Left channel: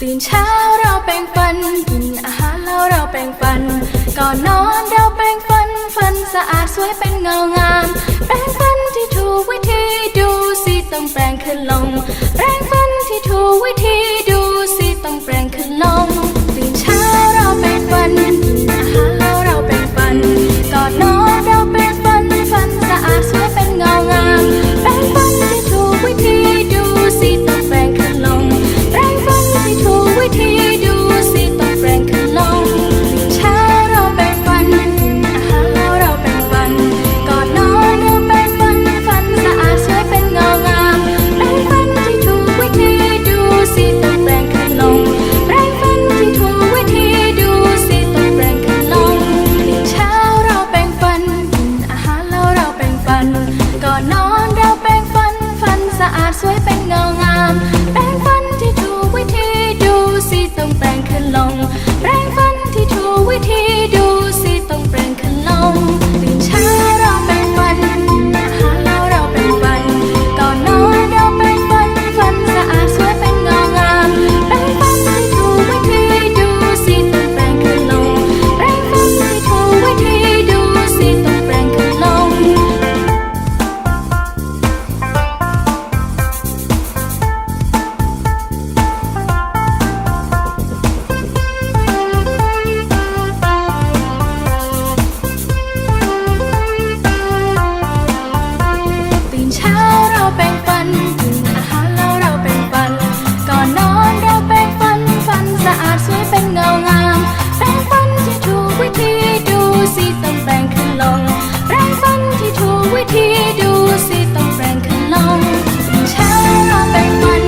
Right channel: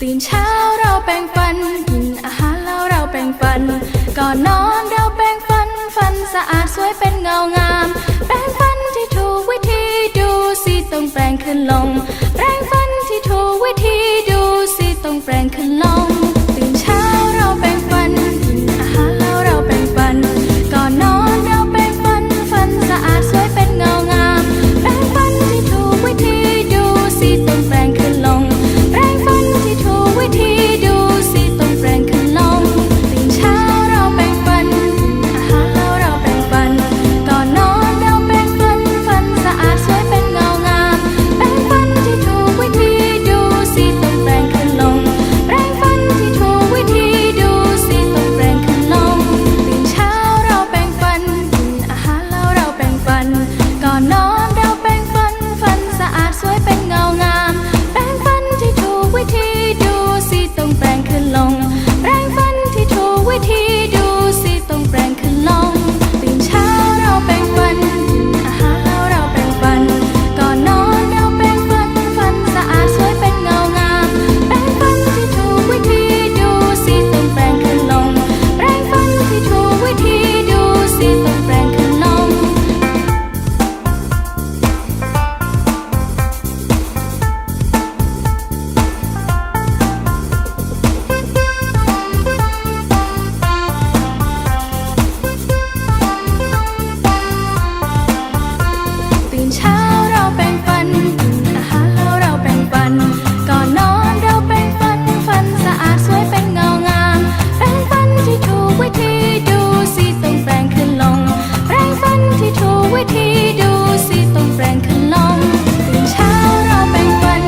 ตื่นเช้าเราแปรงฟัน กินอาหารแล้วเราแปรงฟัน ก่อนนอนเราแปรงฟัน ฟันสะอาดสวยเป็นเงางาม แปรงฟันที่ถูกวิธีดูสิต้องแปรงขึ้นลง แปรงฟันที่ถูกวิธีดูสิต้องแปรงขึ้นลง เช้าเราแปรงฟัน กินอาหารแล้วเราแปรงฟัน ก่อนนอนเราแปรงฟัน ฟันสะอาดสวยเป็นเงางาม แปรงฟันที่ถูกวิธีดูสิต้องแปรงขึ้นลง แปรงฟันที่ถูกวิธีดูสิต้องแปรงขึ้นลงตื่นเช้าเราแปรงฟัน